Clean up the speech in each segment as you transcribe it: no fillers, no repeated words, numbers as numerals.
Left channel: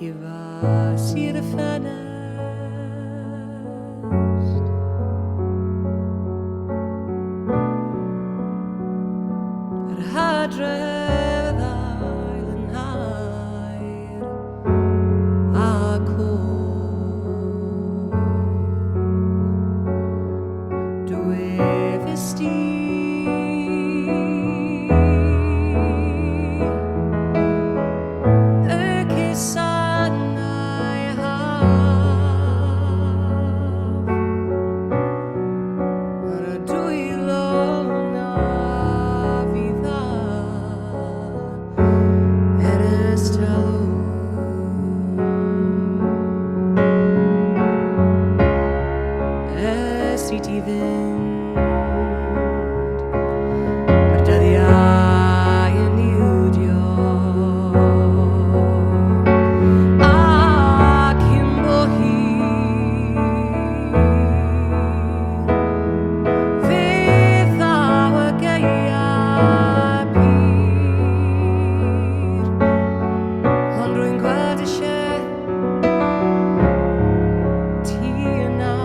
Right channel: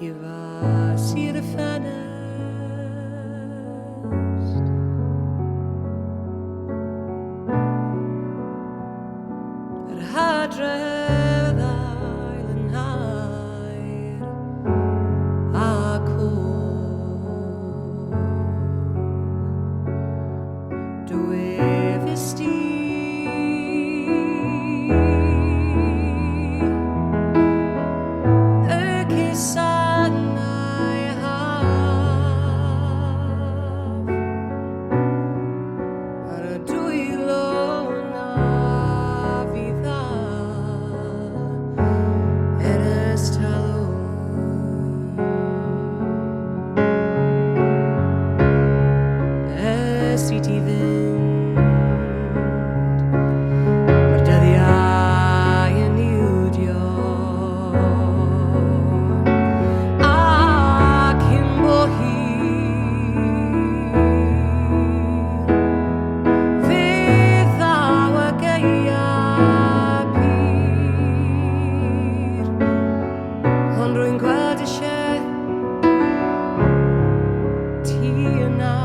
que va ser fannest at Hadredd Island Hide a cool do evesti City vind maar dat jij en nieuwdio Kimbo hier fydd awa gaia pyr ond rwy'n gweld eisiau ti yna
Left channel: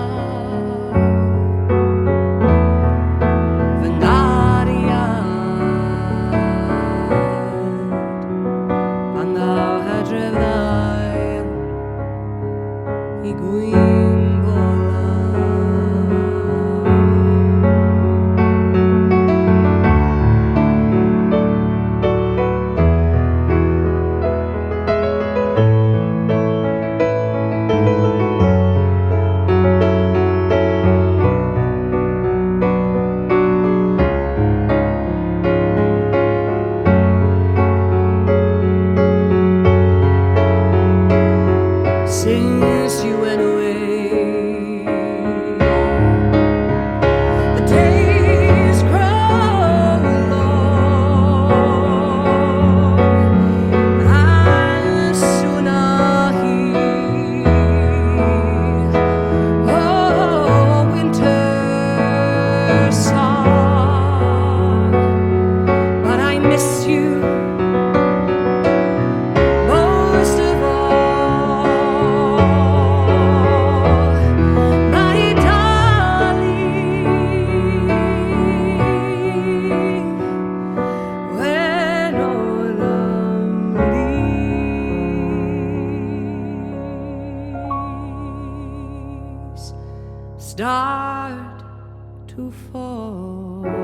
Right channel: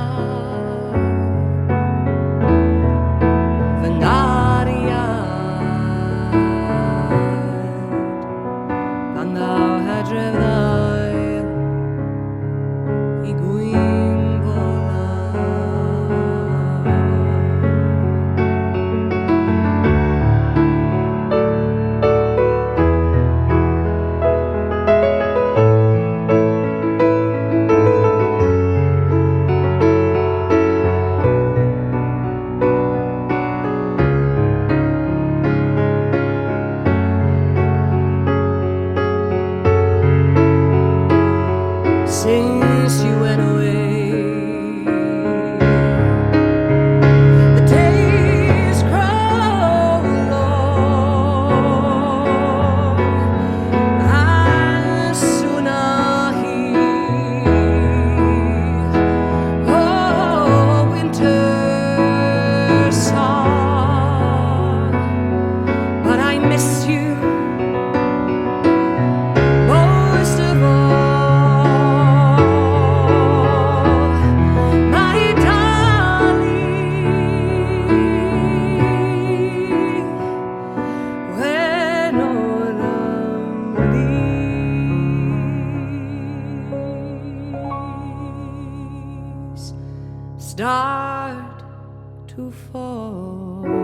Thou Hadredd Isle I Gwynbola Since you went away, the days grow long, and soon I'll hear, oh, winter song. But I miss you most of all. Start to fall.